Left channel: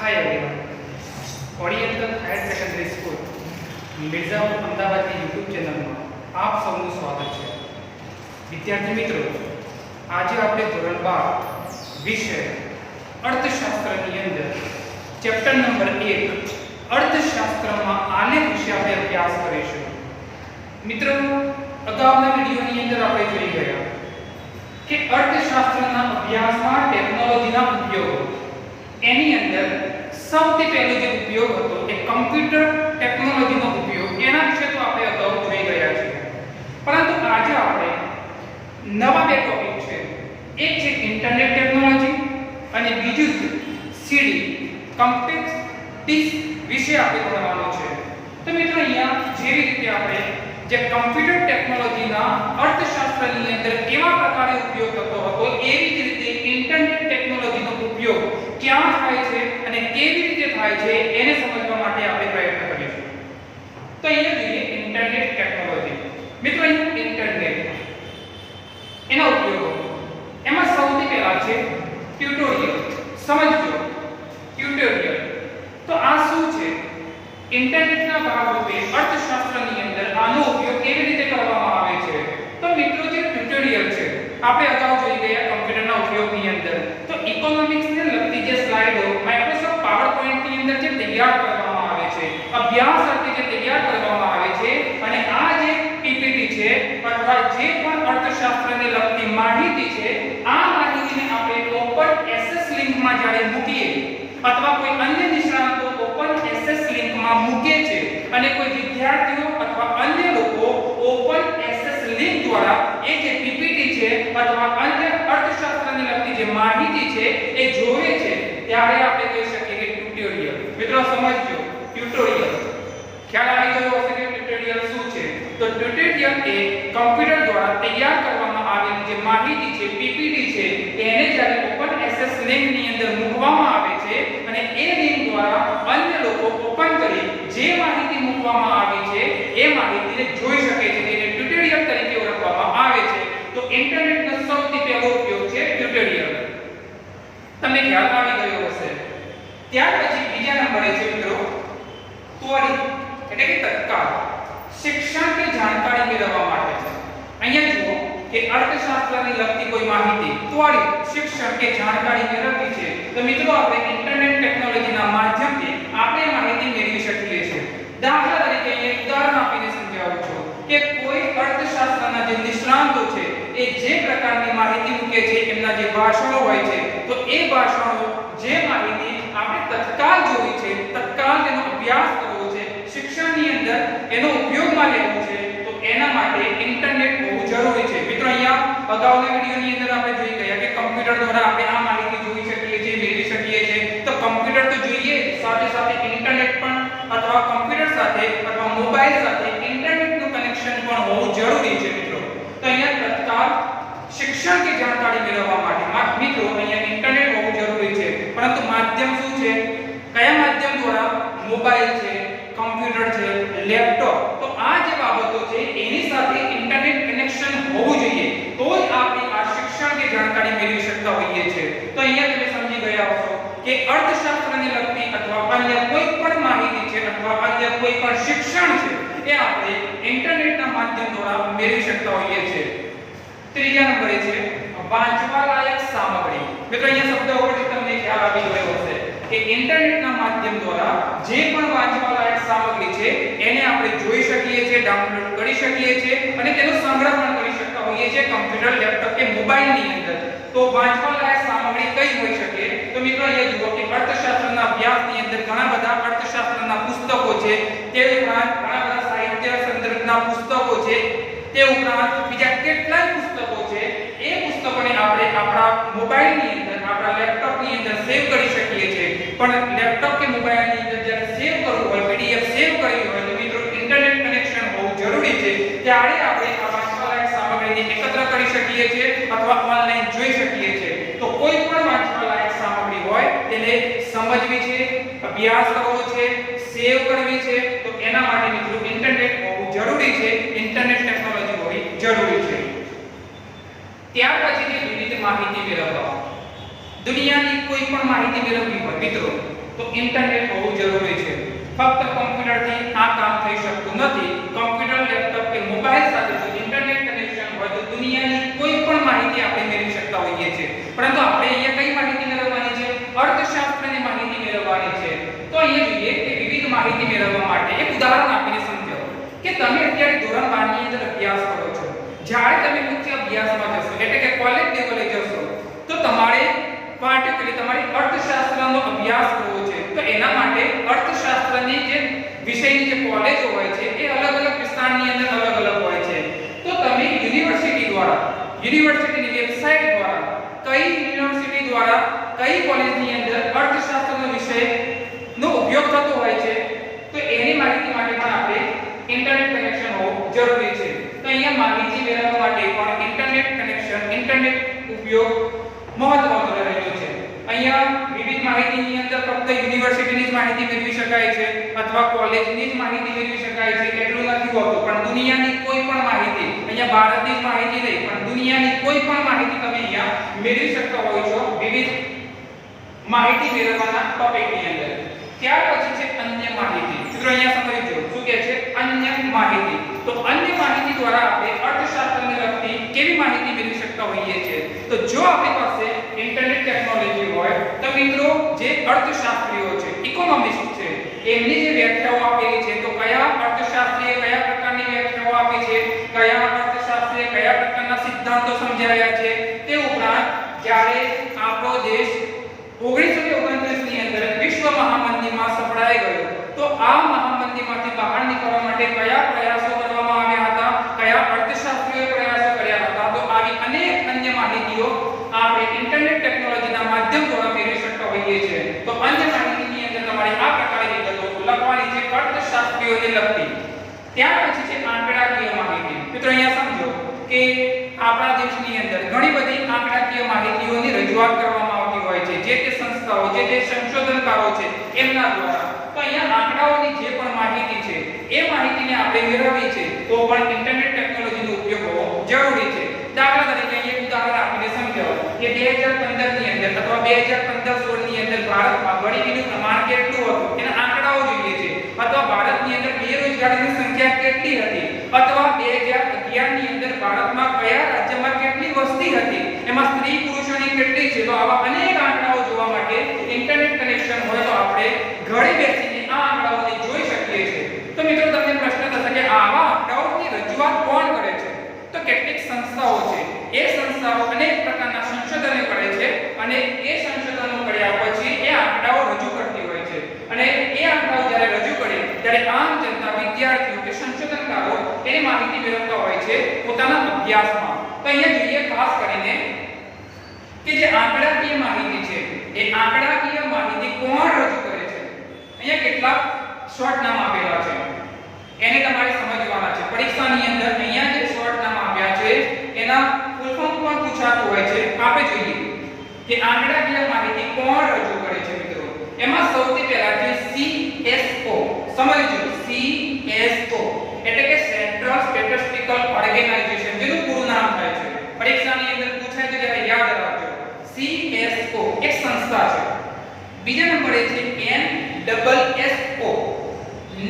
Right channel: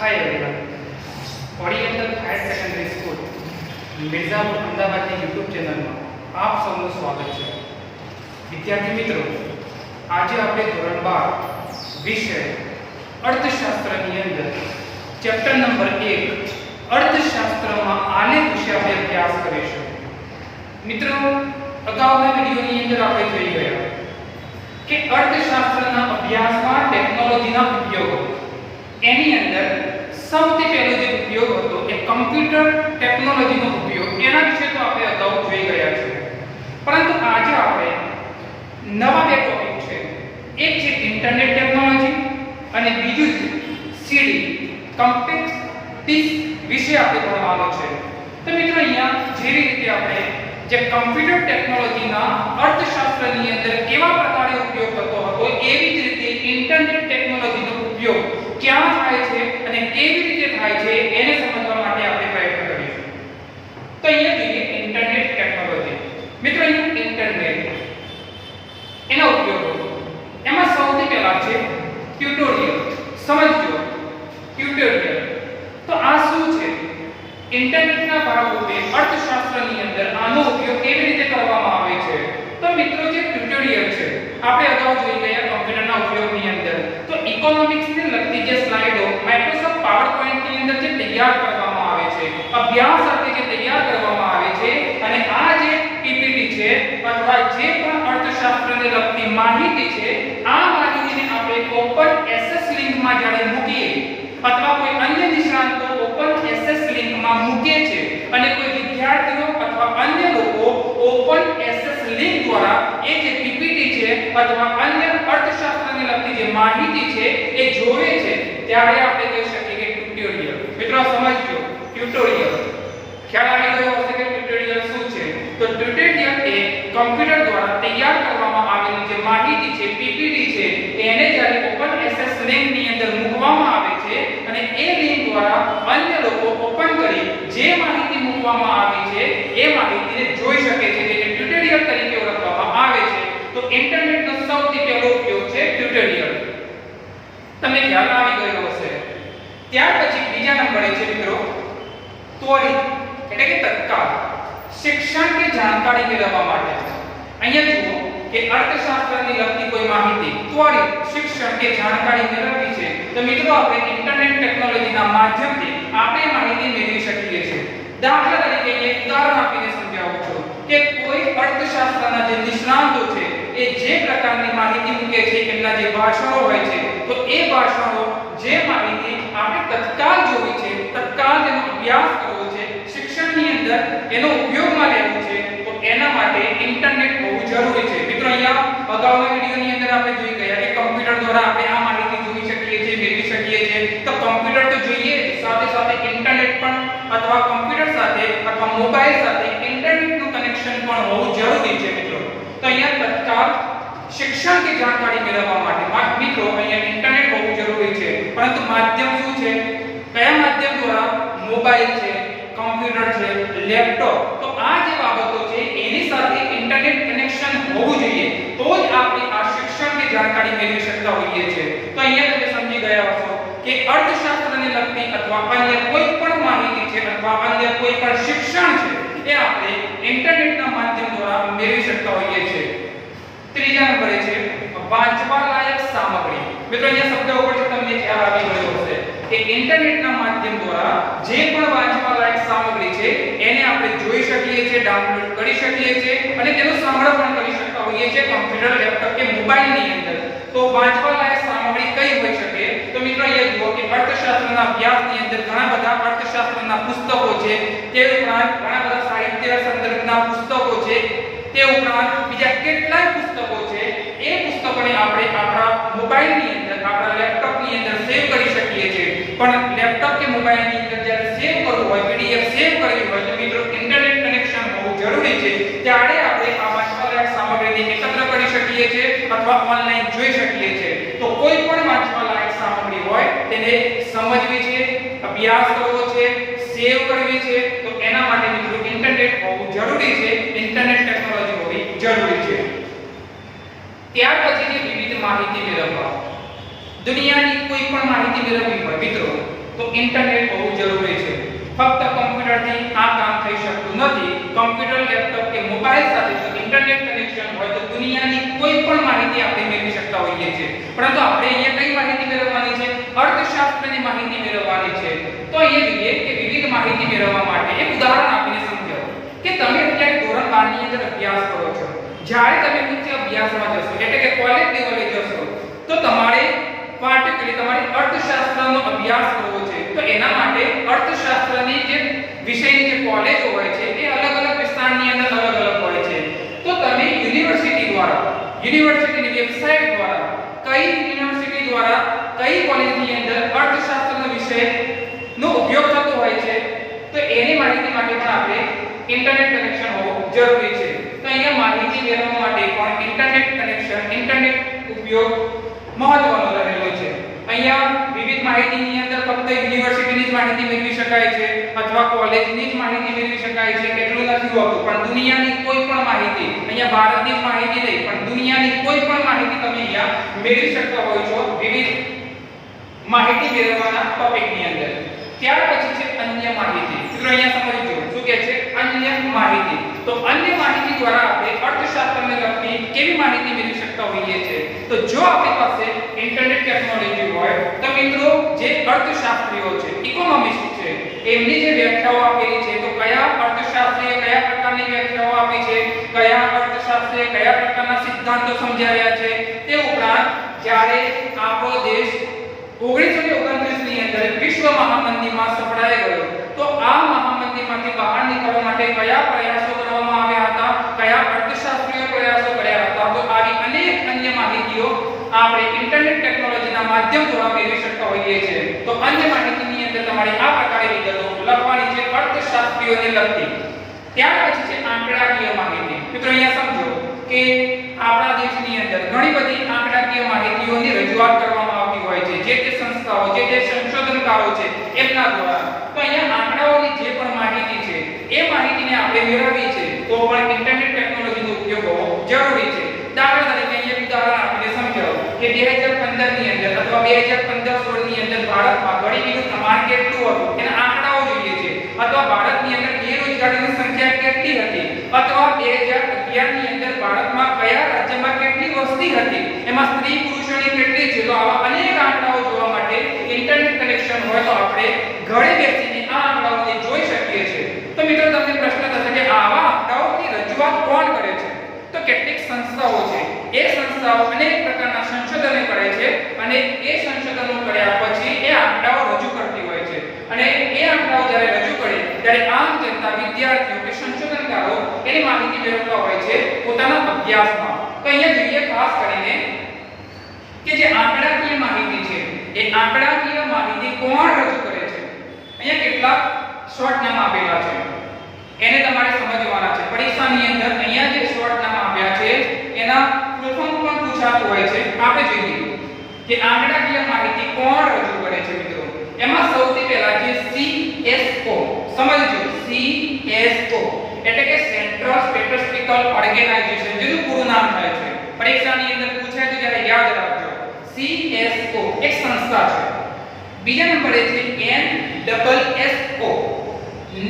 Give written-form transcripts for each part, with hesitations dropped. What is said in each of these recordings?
Hi everyone, oriental higher secondary school Mirzapur અમદાવાદની YouTube ચેનલમાં આપ સૌનું સ્વાગત છે। વિદ્યાર્થી મિત્રો, આજે આપણે ધોરણ 12 વિષય અર્થશાસ્ત્રની અંદર ચેપ્ટર નંબર 1 અર્થશાસ્ત્રમાં આલેખ વિશે આપણે અભ્યાસ કરીશું। મિત્રો, અગાઉના વિડિયોની અંદર આપણે જોઈ ગયા કે અર્થશાસ્ત્રના અભ્યાસમાં ટેકનોલોજીના ઉપયોગો, એની અંદર સૌથી પહેલો જે ઉપયોગ હતો એ કમ્પ્યુટર ટેકનોલોજીનો ઉપયોગ, એના વિશે તો આપણે અગાઉ જોઈ ગયા છીએ। પરંતુ આજે આપણે નવા બે ટોપિક છે, એક છે ઇન્ટરનેટ ટેકનોલોજી અને બીજું છે સીડી કોમ્પેક્ટ ડિસ્ક વિશે આપણે ભણવાનું છે। તો મિત્રો, અહીંયા જે રીતે આપણે જે કમ્પ્યુટર ટેકનોલોજીના અર્થશાસ્ત્રની અંદર કેવા પ્રકારે ઉપયોગ થતો હતો, એવી જ રીતે ઇન્ટરનેટ ટેકનોલોજીનો ઉપયોગ ક્યાં થાય છે અને કેવી રીતે થાય છે એને સમજવા માટે આપણે પ્રયત્ન કરીશું। તો અહીંયા જોઈએ ઇન્ટરનેટ ટેકનોલોજી। મિત્રો, અહીંયા ઇન્ટરનેટ એના ઉપયોગો, એમાં સૌથી પહેલા છે ટ્યુટોરિયલ। સમજો ટ્યુટોરિયલ તો આ શું છે? ઇન્ટરનેટના ભાગરૂપે અર્થશાસ્ત્રની અંદર આનો ઉપયોગ કેવી રીતે કરવામાં આવે છે? તો મિત્રો, જે ટ્યુટોરિયલ છે આપણે અગાઉ જોઈ ગયા કમ્પ્યુટરના ઉપયોગની અંદર, તો ઇકોનોમિક્સને લગતી જે સ્લાઇડો માઇક્રોસોફ્ટ પાવરપોઈન્ટ ની અંદર જે તૈયાર કરવામાં આવે છે, અભ્યાસ અર્થે જે તૈયાર કરવામાં આવે છે, અને આ જે પીપીટી છે અથવા જે પણ અર્થશાસ્ત્રને લગતી માહિતી છે, આ માહિતીને આપણે ઓપન એસએસ લિંકમાં જ્યારે મૂકીએ અથવા કોઈ અન્ય નિષ્ણાતો ઓપન એસએસ લિંકમાં મૂકે છે અને કોઈ વિદ્યાર્થીઓ અથવા અન્ય લોકો ઓપન એસએસ લિંક દ્વારા એ જે પીપીટી છે અથવા અન્ય અર્થશાસ્ત્રને લગતી જે માહિતી છે એ જોવે છે, ત્યારે આપણે કહી શકીએ કે ટ્યુટોરિયલ। મિત્રો, સમજો ટ્યુટોરિયલ ખ્યાલ આવી ગયો હશે કે ટ્યુટોરિયલ શું છે? તો ટ્યુટોરિયલ એ કમ્પ્યુટર દ્વારા તૈયાર કરવામાં આવેલી જે માહિતી છે, પીપીટી છે, એને જ્યારે ઓપન એસએસ લિંક ની અંદર મૂકવામાં આવે છે અને એ લિંક દ્વારા અન્ય લોકો ઓપન કરી જે માહિતી મૂકવામાં આવી છે એ માહિતીને જોઈ શકે છે, જેને ટ્યુટોરિયલ તરીકે ઓળખવામાં આવે છે। તો ઇન્ટરનેટનો સૌથી પહેલો ઉપયોગ છે ટ્યુટોરિયલ। તમને ખ્યાલ આવી ગયો હશે। ત્યાર પછી બીજા નંબરે છે મિત્રો ત્વરિત, એટલે કે તત્કાલ શિક્ષણ કે જાણકારી મેળવવા માટે। અહીંયા જુઓ કે અર્થશાસ્ત્રની લગતી કોઈ માહિતી ત્વરિત શિક્ષણ કે જાણકારી મેળવવી છે, તો મિત્રો આપણે ઇન્ટરનેટ ટેકનોલોજીના માધ્યમથી આપણે માહિતી મેળવી શકીએ છીએ। દાખલા તરીકે એક ઉદાહરણ આપીને સમજાવું છું કે કોઈ અર્થશાસ્ત્રના જે નિષ્ણાતો છે એ જે પ્રકારની માહિતી મૂકે છે, એમના જે ભાષણો હોય છે, તો એ ભાષણો જે માહિતી આપણે તત્કાલ જોવી છે, તત્કાલ તેનો અભ્યાસ કરવો છે, શિક્ષણની અંદર એનો ઉપયોગમાં લેવો છે, તો એના માટે ઇન્ટરનેટ હોવું જરૂરી છે। મિત્રો, અહીંયા અગાઉના વિડિયોની અંદર આપણે જોઈ ગયા કે કમ્પ્યુટર દ્વારા આપણે આ માહિતી જોઈ શકીએ છીએ, મેળવી શકીએ છીએ। તો કમ્પ્યુટર તો જોઈએ, સાથે સાથે ઇન્ટરનેટ પણ અથવા કમ્પ્યુટર સાથે અથવા મોબાઈલ સાથે ઇન્ટરનેટનું કનેક્શન પણ હોવું જરૂરી છે મિત્રો। તો અહીંયા તત્કાલ શિક્ષણ કે જાણકારી મેળવવા માટે મિત્રો અહીંયા ઇન્ટરનેટ હોવું જરૂરી છે, પરંતુ માધ્યમ શું છે? કયા માધ્યમ દ્વારા? મોબાઈલ છે, કમ્પ્યુટર છે, લેપટોપ, તો આ જે બાબતો છે એની સાથે ઇન્ટરનેટ કનેક્શન હોવું જોઈએ, તો જ આપણે આ શિક્ષણ કે જાણકારી મેળવી શકતા હોઈએ છીએ। તો અહીંયા તમે સમજી ગયા હશો કે અર્થશાસ્ત્રને લગતી અથવા અન્ય કોઈ પણ માહિતી છે અથવા અન્ય કોઈ પણ શિક્ષણ છે એ આપણે ઇન્ટરનેટના માધ્યમ દ્વારા મેળવી શકતા હોઈએ છીએ। ત્રીજા નંબરે છે વાંચવા લાયક સામગ્રી। મિત્રો, અહીંયા શબ્દ ઉપરથી તમને ખ્યાલ આવી ગયો હશે કે ઇન્ટરનેટના માધ્યમ દ્વારા જે પણ વાંચવા લાયક સામગ્રી છે એને આપણે જોઈ શકીએ છીએ, ડાઉનલોડ કરી શકીએ છીએ અને તેનો સંગ્રહ પણ કરી શકતા હોઈએ છીએ કમ્પ્યુટર, લેપટોપ કે મોબાઈલની અંદર। તો વાંચવા લાયક સામગ્રી કઈ હોઈ શકે? તો મિત્રો, અહીંયા જુઓ કે અર્થશાસ્ત્રના અભ્યાસની અંદર ઘણા બધા અર્થશાસ્ત્રના પુસ્તકો છે, તે ઉપરાંત ઘણા બધા સાહિત્ય સંદર્ભના પુસ્તકો છે, તે ઉપરાંત બીજા કેટલાય પુસ્તકો છે। એ પુસ્તકોને આપણે આપણા મોબાઈલની અંદર, આપણા લેપટોપની અંદર સેવ કરી શકીએ છીએ, પણ લેપટોપ કે મોબાઈલની અંદર જ્યારે સેવ કરવું હોય, પીડીએફ સેવ કરવી હોય, તો મિત્રો ઇન્ટરનેટ કનેક્શન હોવું જરૂરી છે, ત્યારે આપણે આ વાંચવાલાયક સામગ્રીને એકત્ર કરી શકીએ છીએ અથવા ઓનલાઈન જોઈ શકીએ છીએ। તો કોઈ પણ વાંચવાલાયક સામગ્રી હોય તેને સમજવી છે, અભ્યાસ કરવો છે, સેવ કરવી છે, તો એના માટે મિત્રો ઇન્ટરનેટ હોવું જરૂરી છે, ઇન્ટરનેટ ટેકનોલોજી હોવી જરૂરી છે। ત્યાર પછી જે વિવિધ માહિતી મેળવવા, દુનિયાની કોઈ પણ માહિતી મેળવવી હોય મિત્રો, તો ઇન્ટરનેટ હોવું જરૂરી છે. ફક્ત કમ્પ્યુટરથી આ કામ થઈ શકતું નથી. કમ્પ્યુટર, લેપટોપ કે મોબાઈલ સાથે જો ઇન્ટરનેટ કનેક્શન હોય તો દુનિયાની કોઈ પણ માહિતી આપણે મેળવી શકતા હોઈએ છીએ. પરંતુ આપણે અહીંયા કઈ માહિતી મેળવવાની છે? અર્થશાસ્ત્રની માહિતી મેળવવાની છે. તો અહીંયા જોઈએ કે વિવિધ માહિતી મેળવવા માટે એક ઉદાહરણ આપીને સમજાવો કે તમે અત્યારે ધોરણ 12 ની અંદર અભ્યાસ કરો છો. જ્યારે તમે ઉચ્ચ અભ્યાસમાં જશો એટલે કે કોલેજ લેવલે જશો તો તમારે પાર્ટિક્યુલરલી તમારે અર્થશાસ્ત્રનો અભ્યાસ કરવો છે. તો એના માટે અર્થશાસ્ત્રની જે વિષયની જે કોલેજો હોય છે એ અલગ અલગ વિસ્તારની અંદર અલગ અલગ હોય છે. તો તમે યુનિવર્સિટી દ્વારા, યુનિવર્સિટીની વેબસાઈટ દ્વારા, કઈ યુનિવર્સિટી દ્વારા કઈ કોલેજની અંદર અર્થશાસ્ત્રનો વિષયનો ઉપયોગ થતો હોય છે તો એની માહિતી માટે પણ આપણે ઇન્ટરનેટ કનેક્શન હોવું જરૂરી છે. તો અહીંયા માહિતી મેળવવા માટે પણ ઇન્ટરનેટ કનેક્શન, ઇન્ટરનેટ ઉપયોગ મહત્વનો રહેલો છે. અહીંયા વિવિધ માહિતીની અંદર ફક્ત યુનિવર્સિટીની જ માહિતી મેળવી શકાય છે અથવા કોલેજની જ માહિતી મેળવી શકાય છે એટલું નથી હોતું, પણ દુનિયાની કોઈ પણ માહિતી, અહીંયા ભારતની જ માહિતી નહીં પણ દુનિયાની કોઈ પણ માહિતી તમે અહીંયા મેળવી શકતા હોય છો વિવિધ માહિતી મેળવવાના ટોપિકની અંદર. ત્યાર પછી છે અન્ય માહિતી. મિત્રો અહીંયા સમજી લો શું કહે છે? અન્ય માહિતી. તો અન્ય માહિતી દ્વારા આપણે અર્થશાસ્ત્રને લગતી કેવી માહિતી મેળવી શકતા હોઈએ છીએ? તો જો આપણી પાસે ઇન્ટરનેટ ટેકનોલોજી હોય તો મિત્રો જે અર્થશાસ્ત્રીઓ છે, ઇકોનોમિસ્ટ છે, એમની જે વ્યાખ્યાઓ આપેલી છે તો કયા અર્થશાસ્ત્રીએ કયા પ્રકારની વ્યાખ્યાઓ આપી છે, કયા અર્થશાસ્ત્રીએ કયા પ્રકારના સિદ્ધાંતો સમજાવ્યા છે, તે ઉપરાંત જ્યારે આપણો દેશ 1929 ની અંદર વિશ્વ મહામંદીમાં સફળાઈ ગયો તો આ મહામંદીમાંથી બહાર નીકળવા માટે કયા પ્રયાસો કરવામાં આવ્યા હતા, કયા અર્થશાસ્ત્રીય પ્રયાસો કર્યા હતા, તો આવી અનેક અન્ય માહિતીઓ આપણે ઇન્ટરનેટ ટેકનોલોજીના માધ્યમ દ્વારા મેળવી શકતા હોઈએ છીએ. તો અન્ય માહિતીની અંદર તમારે આ પ્રકારે વિગતો લખવાની છે અર્થશાસ્ત્રીઓને લગતી. ત્યાર પછી છે આંકડાકીય માહિતી. મિત્રો અહીંયા સમજો કે આપણા દેશની અંદર ઘણી બધી આંકડાકીય માહિતીઓની રજૂઆત કરવામાં આવતી હોય છે જે તે સંસ્થાઓ, જે તે સંશોધનકારો છે એમના દ્વારા. તો અહીંયા આંકડાઓની જે પણ માહિતી છે એ માહિતીને આપણે મેળવવી છે તો પણ ઇન્ટરનેટ ટેકનોલોજીનો ઉપયોગ હોવો જરૂરી છે. દાખલા તરીકે અહીંયા ઉદાહરણ આપીને સમજાવો કે 2015 ની અંદર અથવા 2015-16 ની અંદર ભારતમાં ગરીબીનું પ્રમાણ કેટલું હતું એના આંકડાઓ જોઈએ છે, અથવા ભારતની અંદર બેરોજગારીની સંખ્યા કેટલી હતી, અથવા 2011 ની અંદર ભારતમાં કયા રાજ્યમાં કેટલી વસ્તી હતી, એમાં સ્ત્રી પુરુષોની કેટલી છે. તો આવા અનેક આંકડાઓ જોવા માટે ઇન્ટરનેટ કનેક્શન હોય તો આપણે ઘરે બેસીને આ આંકડાઓને જોઈ શકીએ છીએ. તો મિત્રો તમને પ્રશ્ન થશે કે આવા આંકડાઓની રજૂઆત કોણ કરે છે? તો કેટલીક સંસ્થાઓ છે. એ સંસ્થાઓ અનેક પ્રકારના સંશોધનો કરે છે અને એ સંશોધનો કર્યા પછી એ આંકડાઓ રજૂ કરતી હોય છે અને એ આંકડાઓ જ્યારે રજૂ કરે ત્યારે આમ જનતા, વિદ્યાર્થીઓ કે સંશોધનકારો એની માહિતી મેળવતા હોય છે પોતાના અભ્યાસમાં. તો અહીંયા જોઈએ ખાસ કરીને કે જે આંકડાકીય માહિતી છે એ આંકડાકીય માહિતી કોણ રજૂ કરે છે? અહીંયા કેટલાક શોર્ટ નામ આપેલા છે એને તમારે સમજવાના છે. પરીક્ષાની અંદર અહીંયા જે શોર્ટ નામ આપ્યા છે એના ફૂલ ફોર્મ પણ પૂછાતું હોય છે. આપણે જોઈએ કે આંકડાકીય માહિતી કોણ રજૂ કરે છે મિત્રો. એમાં સૌથી પહેલા છે CSO. સમજજો, CSO એટલે કે સેન્ટ્રલ સ્ટેટિસ્ટિકલ ઓર્ગેનાઇઝેશન, જેનું પૂરું નામ થાય છે. પરીક્ષાની અંદર પૂછાય તો જરા યાદ રાખજો. CSO એક સંસ્થા છે. બીજા નંબરે છે NSSO,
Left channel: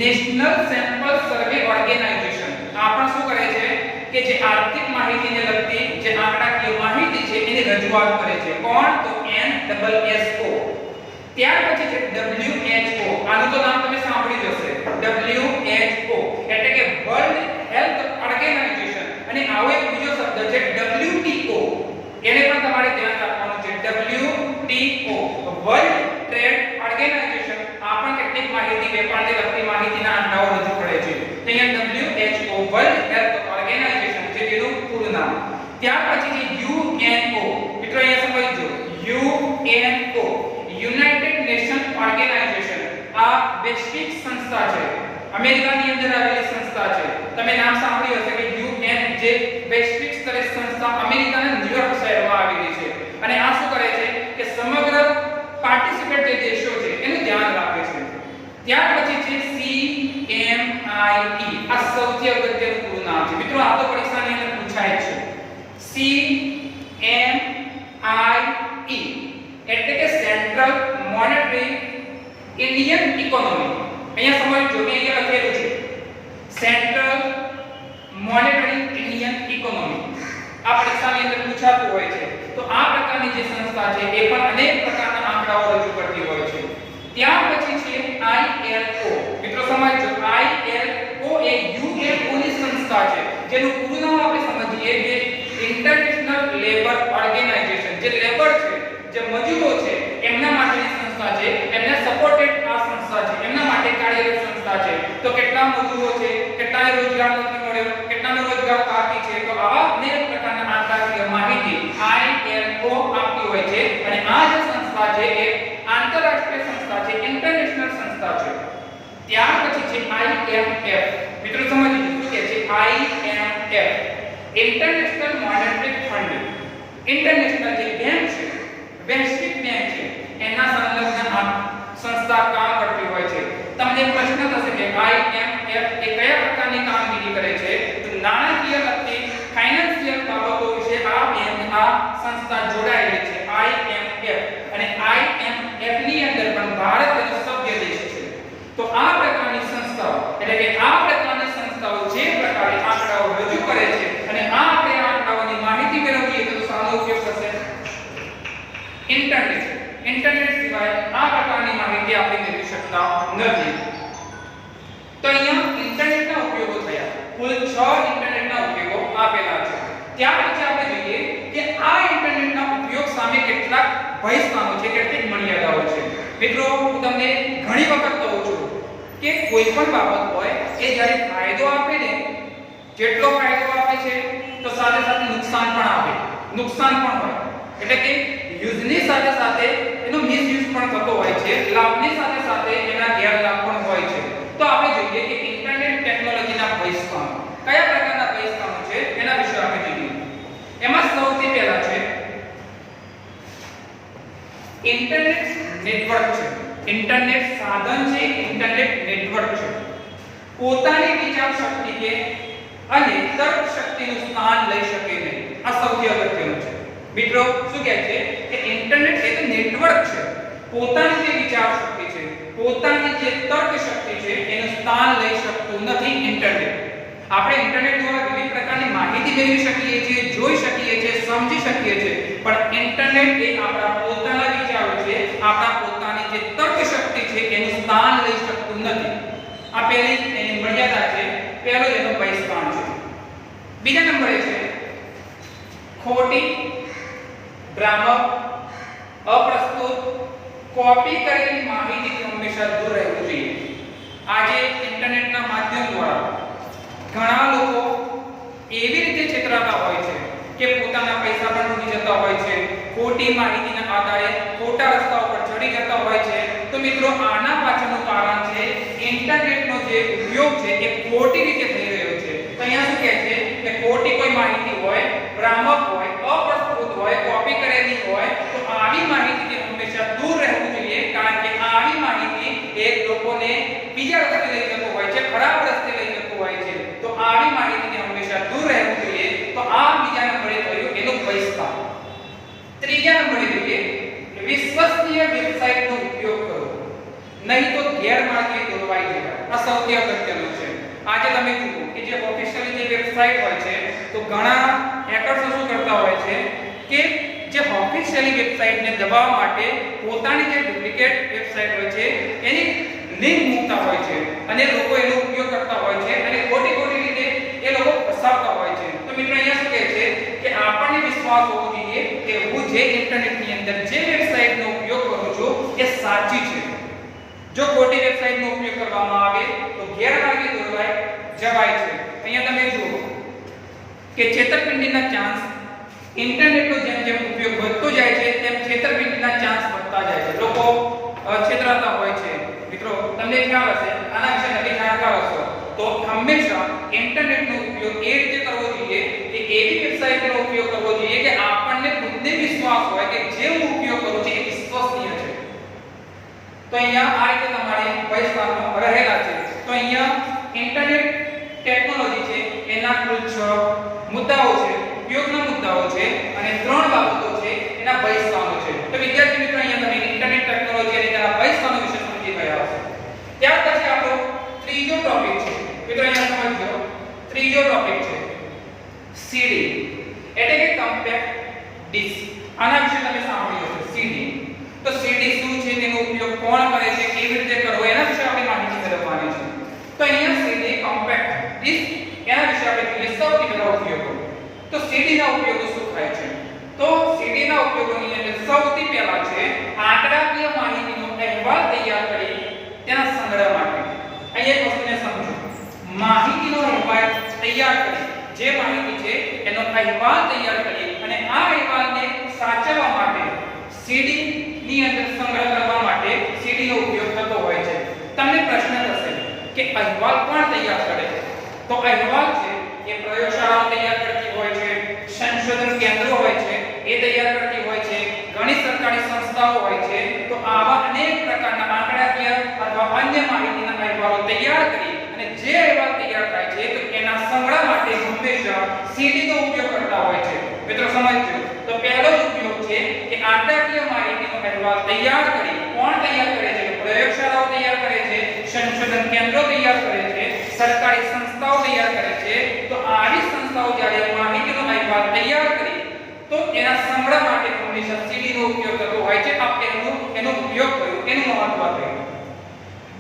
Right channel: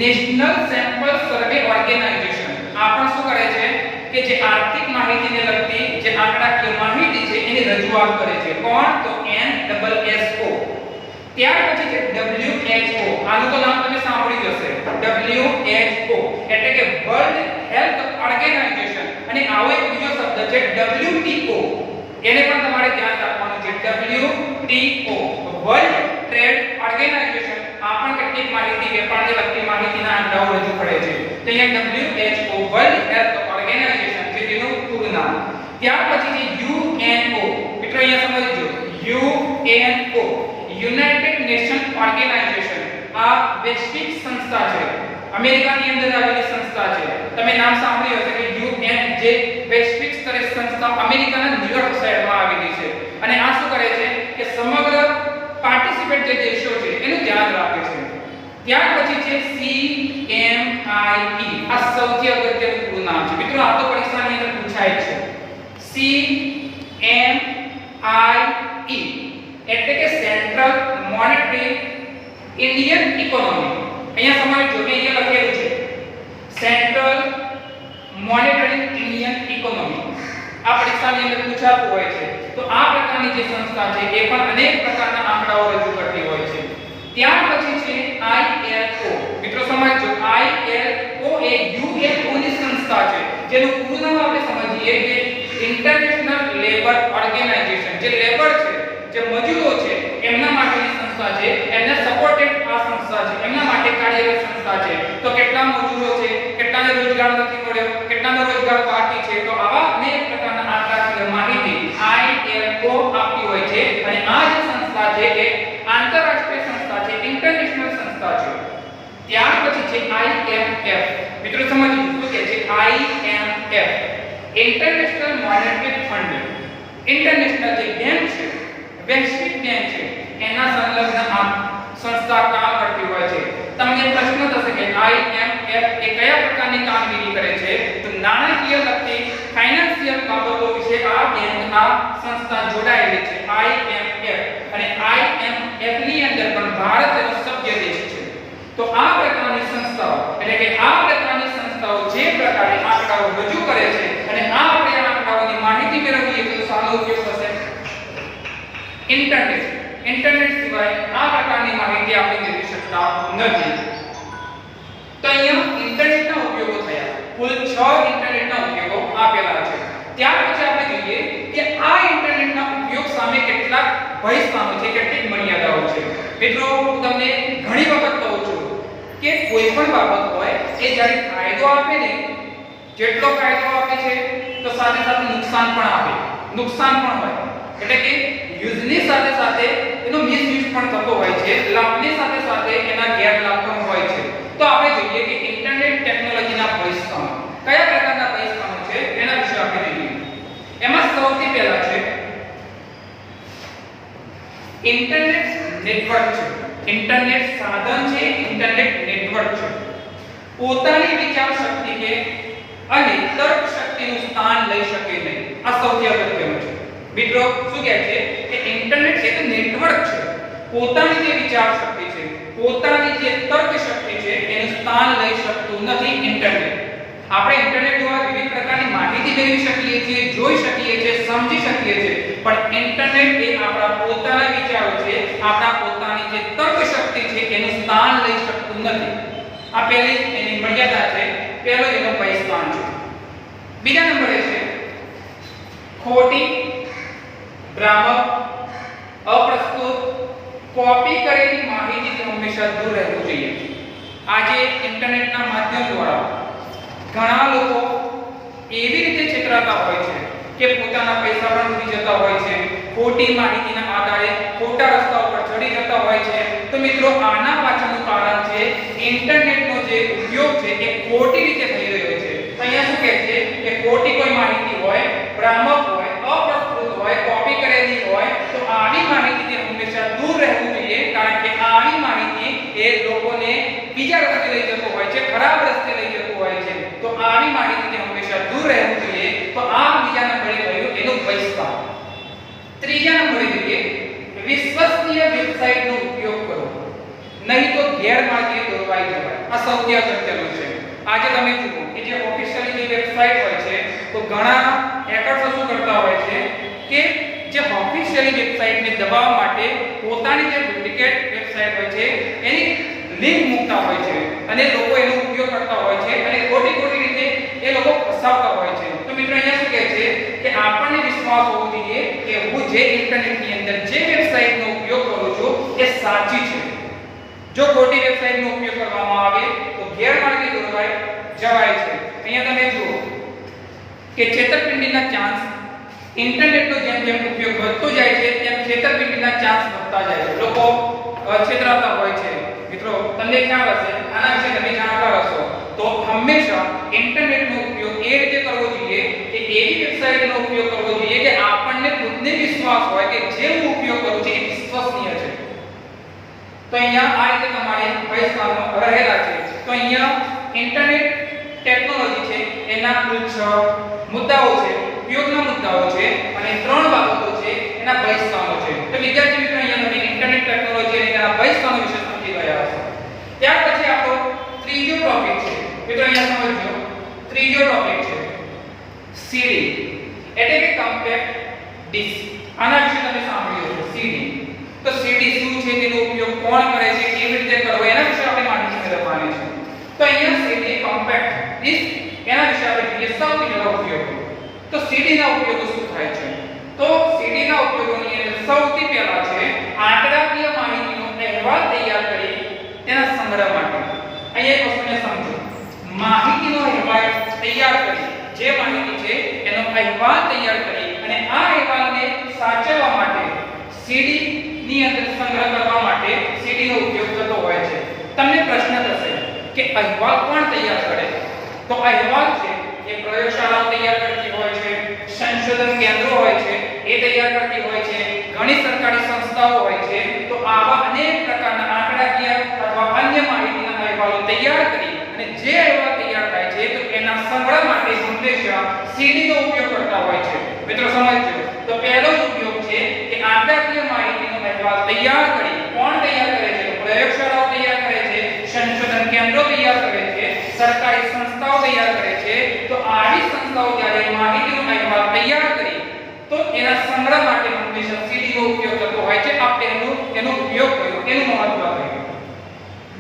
નેશનલ સેમ્પલ સર્વે ઓર્ગેનાઇઝેશન. આપણ શું કરે છે કે જે આર્થિક માહિતીને લગતી જે આંકડાકીય માહિતી છે એની રજૂઆત કરે છે. કોણ? તો NSSO. ત્યાર પછી છે WHO. આનું તો નામ તમે સાંભળ્યું હશે. WHO એટલે કે વર્લ્ડ હેલ્થ ઓર્ગેનાઇઝેશન. અને આવો એક બીજો શબ્દ છે WTO. એને પણ તમારે ધ્યાન રાખવાનું છે. WTO world trade organisation. આ પણ કેટલીક માહિતી, વેપારને લગતી માહિતીના આંકડાઓ રજૂ કરે છે. તો અહીંયા WHO વર્લ્ડ હેલ્થ ઓર્ગેનાઇઝેશન છે જેનું પૂરું નામ. ત્યાર પછી છે UNO. મિત્રો અહીંયા સમજજો, UNO યુનાઇટેડ નેશન ઓર્ગેનાઇઝેશન. આ વૈશ્વિક સંસ્થા છે, અમેરિકાની અંદર આવેલી સંસ્થા છે. તમે નામ સાંભળ્યું હશે કે UN, જે વૈશ્વિક સ્તરે સંસ્થા અમેરિકાના ન્યુયોર્ક શહેરમાં આવેલી છે. અને આ શું કરે છે કે સમગ્ર પાર્ટિસિપેટ જે દેશો છે એનું ધ્યાન રાખે છે. ત્યાર પછી છે CMIE. આ સૌથી અગત્યનું પૂરું નામ છે મિત્રો. આ તો પરીક્ષાની અંદર પૂછાય છે. CMIE એટલે કે સેન્ટ્રલ મોનેટરી ઇન્ડિયન ઇકોનોમી. અહીંયા સમજો કે અહીંયા લખેલું છે સેન્ટ્રલ મોનેટરી ઇન્ડિયન ઇકોનોમી. આ પરીક્ષાની અંદર પૂછાતું હોય છે. તો આ પ્રકારની જે સંસ્થા છે એ પણ અનેક પ્રકારના આંકડાઓ રજૂ કરતી હોય છે. ત્યાર પછી છે ILO. મિત્રો સમજો ILO એ UNO ની સંસ્થા છે, જેનું પૂરું નામ આપણે સમજીએ કે ઇન્ટરનેશનલ લેબર ઓર્ગેનાઇઝેશન. જે લેબર છે, જે મજૂરો છે, એમના માટેની સંસ્થા છે, એમને સપોર્ટેડ આ સંસ્થા છે, એમના માટે કાર્યરત સંસ્થા છે. તો કેટલા મજૂરો છે, કેટલાને રોજગાર નથી મળ્યો, કેટલાને રોજગાર બાકી છે, તો આવા અનેક પ્રકારના આંકડાકીય માહિતી ILO આપતી હોય છે. અને આ જે સંસ્થા છે એ આંતરરાષ્ટ્રીય સંસ્થા છે, ઇન્ટરનેશનલ સંસ્થા છે. ત્યાર પછી છે IMF. મિત્રો સમજીએ શું કે છે IMF, international monetary fund. International જે બેંક છે, વૈશ્વિક બેંક છે, એના સંલગ્ન આ સંસ્થા કામ કરતી હોય છે. તમને પ્રશ્ન થશે કે IMF એ કયા પ્રકારની કામગીરી કરે છે? તો નાણાકીય લગતી ફાઇનાન્સિયલ બાબતો વિશે આ બેંક આ સંસ્થા જોડાયેલી છે IMF. અને IMF ની અંદર પણ ભારત એનો સભ્ય દેશ છે. તો આ પ્રકારની સંસ્થાઓ એટલે કે આ પ્રકારની સંસ્થાઓ જે પ્રકારે આંકડાઓ રજૂ કરે છે અને આ આપણે આંકડાઓની માહિતી મેળવીએ તો શાનો ઉપયોગ થશે? ઇન્ટરનેટ. ઇન્ટરનેટ સિવાય આ પ્રકારની માહિતી આપણે મેળવી શકતા નથી. તો અહીંયા ઇન્ટરનેટના ઉપયોગો થયા. કુલ 6 ઇન્ટરનેટના ઉપયોગો આપેલા છે. ત્યાર પછી આપણે જોઈએ કે આ ઇન્ટરનેટના ઉપયોગ સામે કેટલાક ભય સામે છે, કેટલીક મર્યાદાઓ છે. મિત્રો હું તમને ઘણી વખત કહું છું કે કોઈ પણ બાબત હોય એ જ્યારે ફાયદો આપે ને, જેટલો ફાયદો આપે છે તો સાથે સાથે નુકસાન પણ આપે. નુકસાન પણ હોય એટલે કે યુઝની સાથે સાથે એનો મિસયુઝ પણ થતો હોય છે, લાભની સાથે સાથે એના ગેરલાભ પણ હોય છે. તો આપણે જોઈએ કે ઇન્ટરનેટ ટેકનોલોજીના ભય કયા પ્રકારના ભય છે એના વિશે આપણે જોઈએ. એમાં સૌથી પહેલા છે ઇન્ટરનેટ નેટવર્ક છે. ઇન્ટરનેટ સાધન છે, ઇન્ટરનેટ નેટવર્ક છે. પોતાની વિચાર શક્તિ કે અને તર્ક શક્તિનું સ્થાન લઈ શકે નહીં. આ સૌથી અગત્યનું છે. મિત્રો શું કહે છે કે ઇન્ટરનેટ એ તો નેટવર્ક છે. પોતાની જે વિચાર શક્તિ છે, પોતાની જે તર્ક શક્તિ છે એનું સ્થાન લઈ શકતું નથી ઇન્ટરનેટ. આપણે ઇન્ટરનેટ દ્વારા વિવિધ પ્રકારની માહિતી મેળવી શકીએ છીએ, જોઈ શકીએ છીએ, સમજી શકીએ છીએ, પણ ઇન્ટરનેટ એ આપણા પોતાના વિચારો છે, આપણા પોતાની જે તર્ક શક્તિ છે એનું સ્થાન લઈ શકતું નથી. આ પહેલી એની મર્યાદા છે, પહેલો એનો ભયસ્થાન છે. બીજા નંબરે છે ખોટી, ભ્રામક, અપ્રસ્તુત, કોપી કરેલી માહિતીથી હંમેશા દૂર રહેવું જોઈએ. આજે ઇન્ટરનેટના માધ્યમ દ્વારા ઘણા લોકો એવી રીતે છેતરાતા હોય છે કે પોતાના પૈસા પણ ડૂબી જતા હોય છે, ખોટી માહિતીના આધારે ખોટા રસ્તા ઉપર ચડી જતા હોય છે. તો મિત્રો આના પાછળનું કારણ છે ઇન્ટરનેટનો જે ઉપયોગ છે એ ખોટી રીતે થઈ રહ્યો છે. તો અહીંયા શું કહે છે કે ખોટી કોઈ માહિતી હોય, ભ્રામક હોય, અપ્રસ્તુત હોય, કોપી કરેલી હોય, તો આવી માહિતીથી હંમેશા દૂર રહેવું જોઈએ. કારણ કે આવી માહિતી એ લોકોને બીજા રસ્તે લઈ જતો હોય છે, ખરાબ રસ્તે લઈ જતો હોય છે. તો આવી માહિતીથી હંમેશા દૂર રહેવું જોઈએ. તો આ બીજા નંબરે કહ્યું એનો ભયસ્થાન. ત્રીજા નંબરે જોઈએ વિશ્વસનીય વેબસાઇટનો ઉપયોગ કરો, નહીં તો ગેરમાર્ગે દોરવાઈ જવાય. આ સૌથી અગત્યનું છે. આજે તમે જુઓ કે જે ઓફિશિયલી જે વેબસાઇટ હોય છે તો ઘણા હેકર્સ શું કરતા હોય છે કે જે ઓફિશિયલી વેબસાઇટને દબાવવા માટે પોતાની જે ડુપ્લિકેટ વેબસાઇટ હોય છે એની લિંક મૂકતા હોય છે અને લોકો એનો ઉપયોગ કરતા હોય છે અને ખોટી રીતે એ લોકો ફસાવતા હોય છે. તો મિત્રો અહીંયા શું કહે છે કે આપણને વિશ્વાસ હોવો જોઈએ કે હું જે ઇન્ટરનેટની અંદર જે વેબસાઇટનો ઉપયોગ કરું છું એ સાચી છે. જો ખોટી વેબસાઇટનો ઉપયોગ કરવામાં આવે તો ગેરમાર્ગે દોરવાઈ જવાય છે. અહીંયા તમે જુઓ કે છેતરપિંડીના ચાન્સ, ઇન્ટરનેટનો જેમ જેમ ઉપયોગ વધતો જાય છે તેમ છેતરપિંડીના ચાન્સ વધતા જાય છે. લોકો છેતરાતા હોય છે. મિત્રો તમને ખ્યાલ હશે, આના વિશે તમે જાણતા હશો, તો હંમેશા ઇન્ટરનેટનો ઉપયોગ એ રીતે કરવો જોઈએ કે એવી વેબસાઇટનો ઉપયોગ કરવો જોઈએ કે આપણને ખુદને વિશ્વાસ હોય કે જે હું ઉપયોગ કરું છું એ વિશ્વસનીય છે. તો અહીંયા આ રીતે તમારે ભયસ્થાનો રહેલા છે. તો અહીંયા ઇન્ટરનેટ ટેકનોલોજી છે એના કુલ 6 મુદ્દાઓ છે, ઉપયોગના મુદ્દાઓ છે અને 3 બાબતો છે એના ભયસ્થાનો છે. તો વિદ્યાર્થી મિત્રો અહીંયા તમે ઇન્ટરનેટ ટેકનોલોજી અને તેના ભયસ્થાનો વિશે સમજી ગયા બીજો ટોપિક છે સીડી એટલે કે કોમ્પેક્ટ ડિસ્ક. આના વિશે તમે સાંભળ્યું હશે સીડી. તો સીડી શું છે, તેનો ઉપયોગ કોણ કરે છે, કેવી રીતે કરવો, એના વિશે આપણે માહિતી મેળવવાની છે. તો અહીંયા સીડી કોમ્પેક્ટ ડિસ્ક એના વિશે આપણે જોઈએ સૌથી પહેલા ઉપયોગો. તો સીડી ના ઉપયોગો શું થાય છે? તો સીડી ના ઉપયોગોની અંદર સૌથી પહેલા છે આંકડાકીય માહિતીનો અહેવાલ તૈયાર કરી તેના સંગ્રહ માટે. અહીંયા એક વસ્તુને સમજો. માહિતીનો અહેવાલ તૈયાર કરી, જે માહિતી છે એનો અહેવાલ તૈયાર કરી અને આ અહેવાલને સાચવવા માટે સીડી ની અંદર સંગ્રહ કરવા માટે સીડી નો ઉપયોગ થતો હોય છે. તમને પ્રશ્ન થશે કે અહેવાલ કોણ તૈયાર કરે? તો અહેવાલ છે એ પ્રયોગશાળાઓ તૈયાર કરતી હોય છે, સંશોધન કેન્દ્રો હોય છે એ તૈયાર કરતી હોય છે, ઘણી સરકારી સંસ્થાઓ હોય છે. તો આવા અનેક પ્રકારના આંકડાકીય અથવા અન્ય માહિતીના અહેવાલો તૈયાર કરી અને જે અહેવાલ તૈયાર થાય છે તો એના સંગ્રહ માટે હંમેશા સીડી નો ઉપયોગ કરતા હોય છે. મિત્રો સમજજો. તો પહેલો જ ઉપયોગ છે કે આંકડાકીય માહિતીનો અહેવાલ તૈયાર કરી. કોણ તૈયાર કરે છે? તો પ્રયોગશાળાઓ તૈયાર કરે છે, સંશોધન કેન્દ્રો તૈયાર કરે છે, સરકારી સંસ્થાઓ તૈયાર કરે છે. તો આવી સંસ્થાઓ જ્યારે માહિતીનો અહેવાલ તૈયાર કરી તો એના સંગ્રહ માટે હંમેશા સીડી નો ઉપયોગ થતો હોય છે. આપણે એનો ઉપયોગ કર્યો, એનું મહત્વ કર્યું.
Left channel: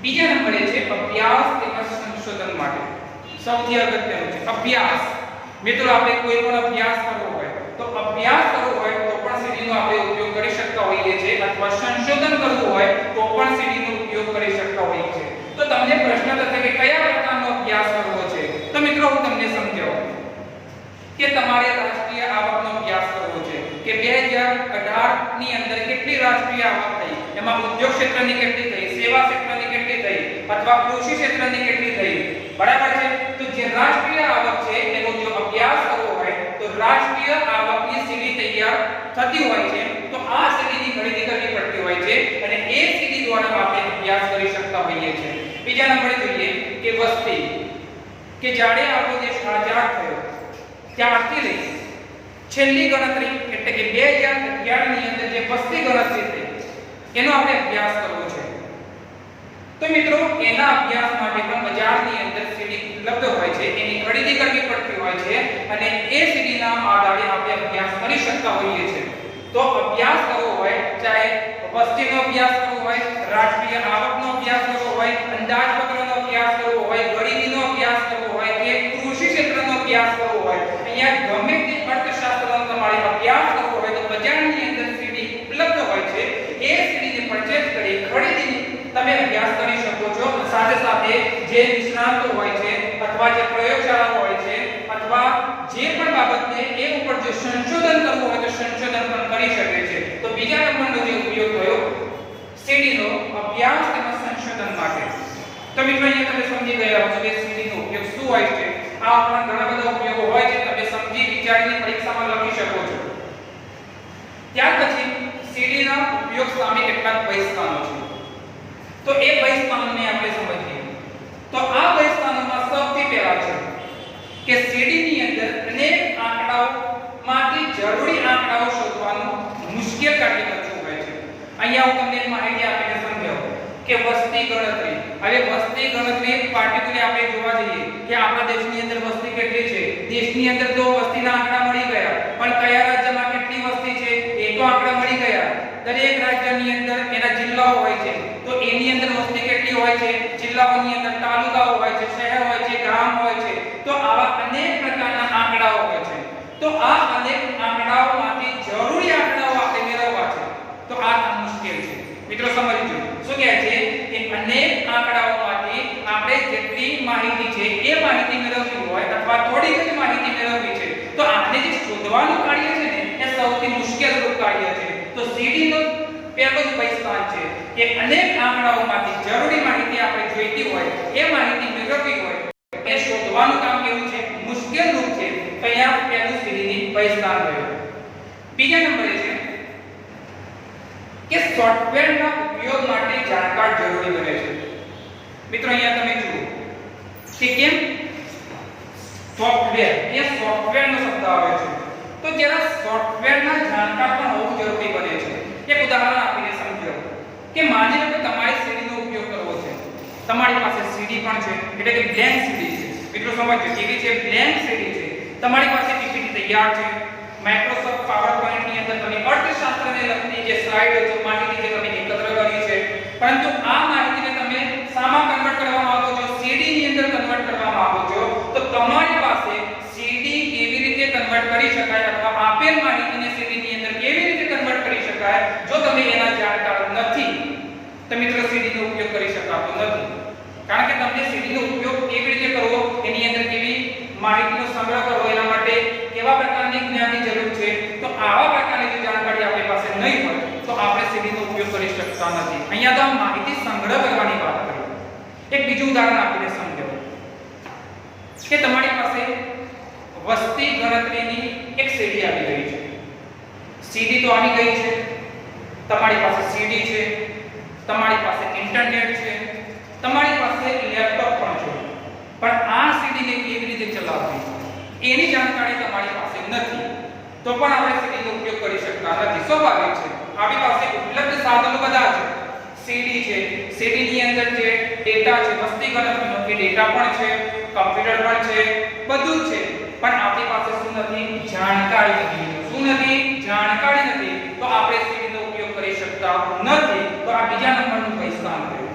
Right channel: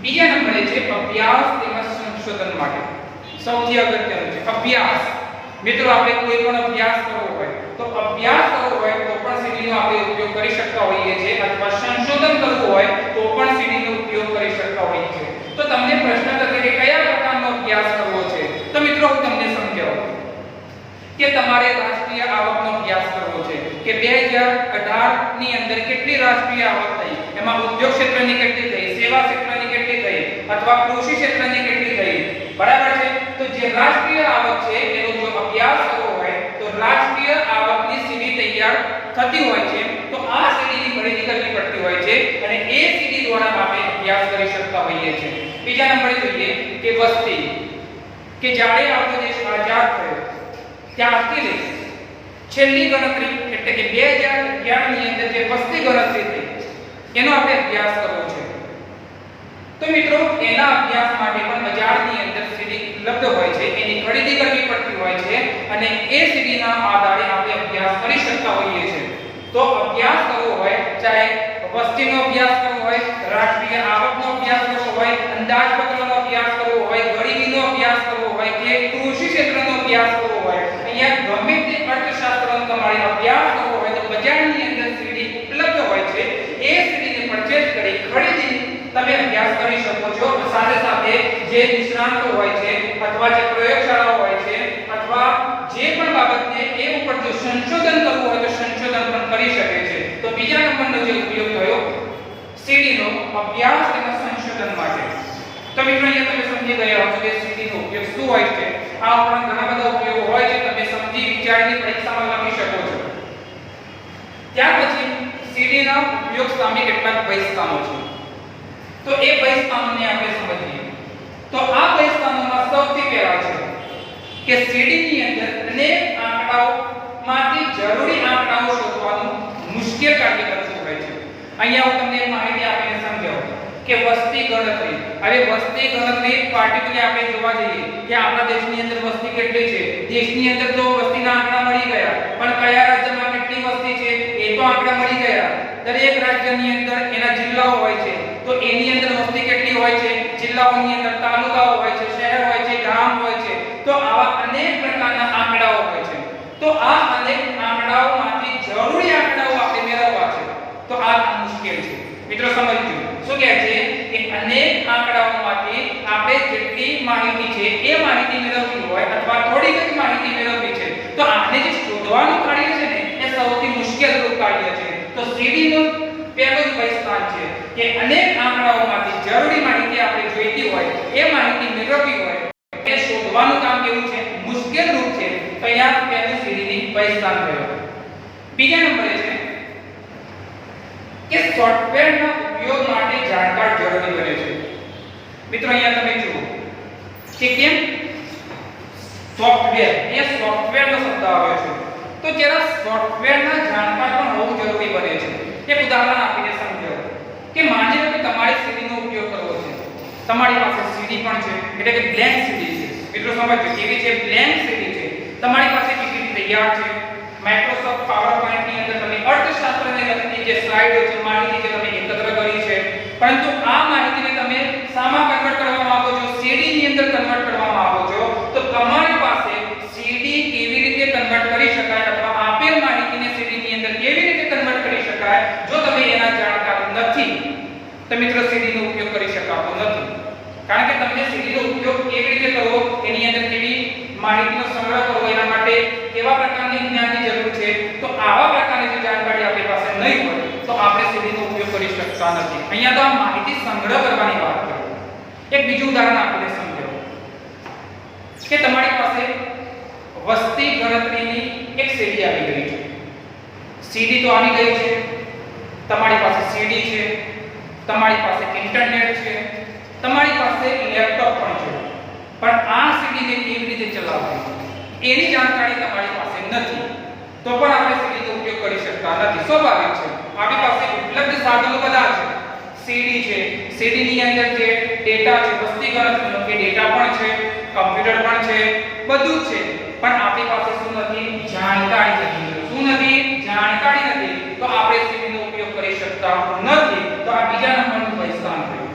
બીજા નંબરે છે અભ્યાસ તેમજ સંશોધન માટે. સૌથી અગત્યનું છે અભ્યાસ. મિત્રો આપણે કોઈ પણ અભ્યાસ કરવો હોય તો અભ્યાસ કરવો હોય તો પણ સીડી નો આપણે ઉપયોગ કરી શકતા હોઈએ છીએ, અથવા સંશોધન કરવું હોય તો પણ સીડી નો ઉપયોગ કરી શકતા હોઈએ છીએ. તો તમને પ્રશ્ન થશે કે કયા પ્રકારનો અભ્યાસ કરવો છે? તો મિત્રો હું તમને સમજાવું કે તમારે રાષ્ટ્રીય આવકનો અભ્યાસ કરવો છે કે 2018 ની અંદર કેટલી રાષ્ટ્રીય આવક થઈ, એમાં ઉદ્યોગ ક્ષેત્રની કેટલી થઈ, સેવા ક્ષેત્રની કેટલી થઈ, અથવા કૃષિ ક્ષેત્રની કેટલી થઈ. બરાબર છે? તો જે રાષ્ટ્રીય આવક છે એનો જો અભ્યાસ કરવો હોય તો રાષ્ટ્રીય આવકની સીડી તૈયાર થતી હોય છે. તો આ સીડીની ખરીદી કરવી પડતી હોય છે અને એ સીડી દ્વારા આપણે અભ્યાસ કરી શકતા હોઈએ છીએ. બીજા નંબરે જોઈએ કે વસ્તી. કે જ્યારે આપણો દેશ આઝાદ થયો ત્યારથી લઈ છેલ્લી ગણતરી એટલે કે 2011 ની અંદર જે વસ્તી ગણતરી થઈ એનો આપણે અભ્યાસ કરવો છે. તો મિત્રો એના અભ્યાસ માટે પણ બજારની અંદર સીડી ઉપલબ્ધ હોય છે, એની ખરીદી કરવી પડતી હોય છે અને એ સીડીના આધારે આપણે અભ્યાસ કરી શકતા હોઈએ છીએ. તો અભ્યાસ કરવો હોય, ચાહે વસ્તીનો અભ્યાસ કરવો હોય, રાષ્ટ્રીય આવકનો અભ્યાસ કરવો હોય, અંદાજપત્રનો અભ્યાસ કરવો હોય, ગરીબીનો અભ્યાસ કરવો હોય કે કૃષિ ક્ષેત્રનો અભ્યાસ કરવો હોય, અહીંયા ગમે તે અર્થશાસ્ત્રનો તમારે અભ્યાસ કરવો હોય તો બજારની અંદર સીડી ઉપલબ્ધ હોય છે. એ સીડીને પરચેઝ કરી ખરીદી તમે અભ્યાસ કરી શકો છો. સાથે સાથે જે નિષ્ણાંતો હોય છે અથવા જે પ્રયોગશાળાઓ હોય છે અથવા જે પણ બાબતને એ ઉપર જો સંશોધન કરવું હોય તો સંશોધન પણ કરી શકે છે. તો બીજા નંબરનો જે ઉપયોગ થયો સીડીનો અભ્યાસ અને સંશોધન માટે. તો મિત્રો અહીંયા તમે સમજી ગયા હશો કે સીડીનો ઉપયોગ શું હોય છે. આ ઉપરાંત ઘણા બધા ઉપયોગો હોય છે, તમે સમજી વિચારીને પરીક્ષામાં લખી શકો છો. ત્યાર પછી સીડીના ઉપયોગ સામે કેટલાક બહિષ્કારો છે. તો એ બહિષ્કારોને આપણે સમજીએ. તો આ બહિષ્કારોમાં સૌથી પહેલા છે કે સીડીની અંદર અનેક આંકડાઓમાંથી જરૂરી આંકડાઓ શોધવાનું મુશ્કેલ કાર્ય બનતું હોય છે. અહીંયા હું તમને માહિતી આપીને સમજાવું કે વસ્તી ગણતરી. હવે વસ્તી ગણતરી પાર્ટિક્યુલર આપણે જોવા જઈએ કે આપણા દેશની અંદર વસ્તી કેટલી છે. દેશની અંદર તો વસ્તીના આંકડા મળી ગયા, પણ કયા રાજ્યમાં કેટલી વસ્તી છે એ તો આંકડા મળી ગયા. દરેક રાજ્યની અંદર એના જિલ્લાઓ હોય છે, તો એની અંદર વસ્તી કેટલી હોય છે, જિલ્લાઓની અંદર તાલુકાઓ હોય છે, શહેર હોય છે, ગામ હોય છે. તો આવા અનેક પ્રકારના આંકડાઓ હોય છે. તો આ અનેક આંકડાઓમાંથી જરૂરી આંકડાઓ આપણે મેળવવા છે તો આ મુશ્કેલ છે. મિત્રો સમજજો શું કહે છે કે અનેક આંકડાઓમાંથી આપણે જેટલી માહિતી છે એ માહિતી મેળવવી હોય અથવા થોડી જ માહિતી મેળવવી છે તો આને જે શોધવાનું કાર્ય છે ને એ સૌથી મુશ્કેલ કાર્ય છે. તો સીડીનો પહેલો જ બહિષ્કાર છે કે અનેક આંકડાઓમાંથી જરૂરી માહિતી આપણે જોઈતી હોય એ માહિતી મેળવવી હોય એ શોધવાનું કામ કેવું છે, મુશ્કેલ રૂપ છે. તો અહીંયા પહેલું સીડીની બહિષ્કાર થયો. બીજા નંબરે છે કે સોફ્ટવેરના ઉપયોગ માટે જાણકાર જરૂરી બને છે. મિત્રો અહીંયા તમે જુઓ કે કેમ સોફ્ટવેર, એ સોફ્ટવેરનો શબ્દ આવે છે. તો જરા સોફ્ટવેરના જાણકાર પણ હોવું જરૂરી બને છે. એક ઉદાહરણ આપીને સમજો કે માની લો કે તમારે સીડીનો ઉપયોગ કરવો છે. તમારી પાસે સીડી પણ છે એટલે કે બ્લેન્ક સીડી છે. મિત્રો સમજો, જેવી છે બ્લેન્ક સીડી છે, તમારી પાસે પીપીટી તૈયાર છે, માઇક્રોસોફ્ટ પાવરપોઈન્ટ ની અંદર તમે અર્થશાસ્ત્રને લગતી જે સ્લાઇડો છે, માહિતી છે તમે એકત્ર કરી છે, પરંતુ આ માહિતીને તમે શામાં કન્વર્ટ કરવા માંગો છો, સીડી ની અંદર કન્વર્ટ કરવા માંગો છો, તો તમારી પાસે સીડી કેવી રીતે કન્વર્ટ કરી શકાય અથવા આપેલ માહિતીને સીડી ની અંદર કેવી રીતે કન્વર્ટ કરી શકાય, જો તમે એના જાણકાર નથી તો મિત્રો સીડી નો ઉપયોગ કરી શકાતો નથી. કારણ કે તમને સીડી નો ઉપયોગ કેવી રીતે કરવો, એની અંદર કેવી માહિતીનો સંગ્રહ કરવો, એના માટે કેવા પ્રકારની જ્ઞાનની જરૂર છે, તો આવા પ્રકારની જો જાણકારી આપણી પાસે નહીં હોય તો આપણે સીડી નો ઉપયોગ કરી શકતા નથી. અહીંયા તો આ માહિતી સંગ્રહ કરવાની વાત કરી. એક બીજું ઉદાહરણ આપીને સમજાવો કે તમારી પાસે વસ્તી ગણતરીની એક સીડી આવી ગઈ છે. સીડી તો આવી ગઈ છે, તમારી પાસે સીડી છે, તમારી પાસે ઇન્ટરનેટ છે, તમારી પાસે લેપટોપ પણ છે, પણ આ સીડીને કેવી રીતે ચલાવવી એની જાણકારી તમારી પાસે નથી, તો પણ આપણે સીડીનો ઉપયોગ કરી શકતા નથી. સ્વાભાવિક છે, આપણી પાસે ઉપલબ્ધ સાધનો બધા છે. સીડી છે, સીડીની અંદર જે ડેટા છે, વસ્તી ગણતરીનો કે ડેટા પણ છે, કમ્પ્યુટર પણ છે, બધું છે, પણ આપણી પાસે શું નથી? જાણકારી નથી. શું નથી? જાણકારી નથી. તો આપણે સીડીનો ઉપયોગ કરી શકતા નથી. તો આ બીજા નંબરનું બહિષ્કાર થયું.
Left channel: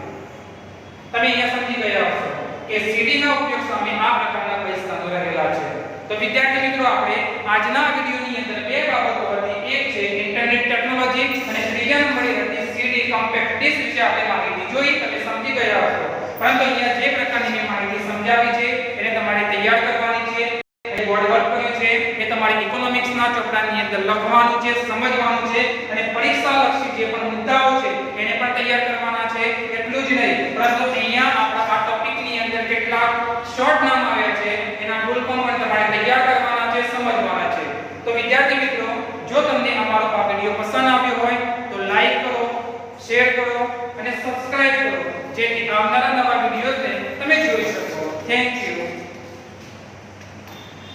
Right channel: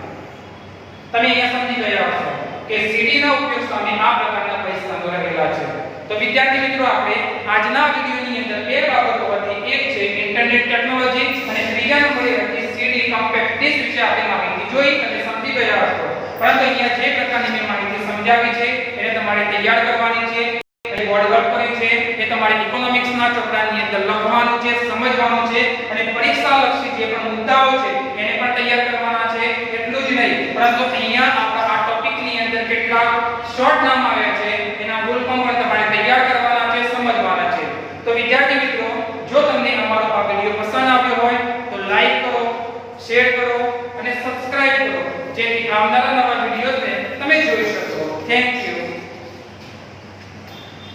તમે અહીંયા સમજી ગયા હશો કે સીડીના ઉપયોગ સામે આ પ્રકારના બહિષ્કારો રહેલા છે. તો વિદ્યાર્થી મિત્રો, આપણે આજના વિડિયોની અંદર બે બાબતો હતી. એક છે ઇન્ટરનેટ ટેકનોલોજી અને ત્રીજા નંબરે હતી સીડી કોમ્પેક્ટ ડિસ્ક વિશે આપણે માહિતી જોઈ અને સમજી ગયા હશો. પરંતુ અહીંયા જે પ્રકારની મેં માહિતી સમજાવી છે એને તમારે તૈયાર કરવાની છે. બોર્ડ વર્ક કર્યું છે એ તમારે ઇકોનોમિક્સના ચોપડાની અંદર લખવાનું છે, સમજવાનું છે અને પરીક્ષા લક્ષી જે પણ મુદ્દાઓ છે એને પણ તૈયાર કરવાના છે. એટલું જ નહીં, પરંતુ અહીંયા આપણા આ ટોપિકની અંદર કેટલાક શોર્ટ નામ આવ્યા છે, એના ફૂલ ફોર્મ પણ તમારે તૈયાર કરવાના છે, સમજવાના છે. તો વિદ્યાર્થી મિત્રો, જો તમને અમારો આ વિડિયો પસંદ આવ્યો હોય તો લાઈક કરો, શેર કરો અને સબસ્ક્રાઇબ કરો, જેથી આવનારા નવા વિડિયોઝને તમે જોઈ શકો. Thank you.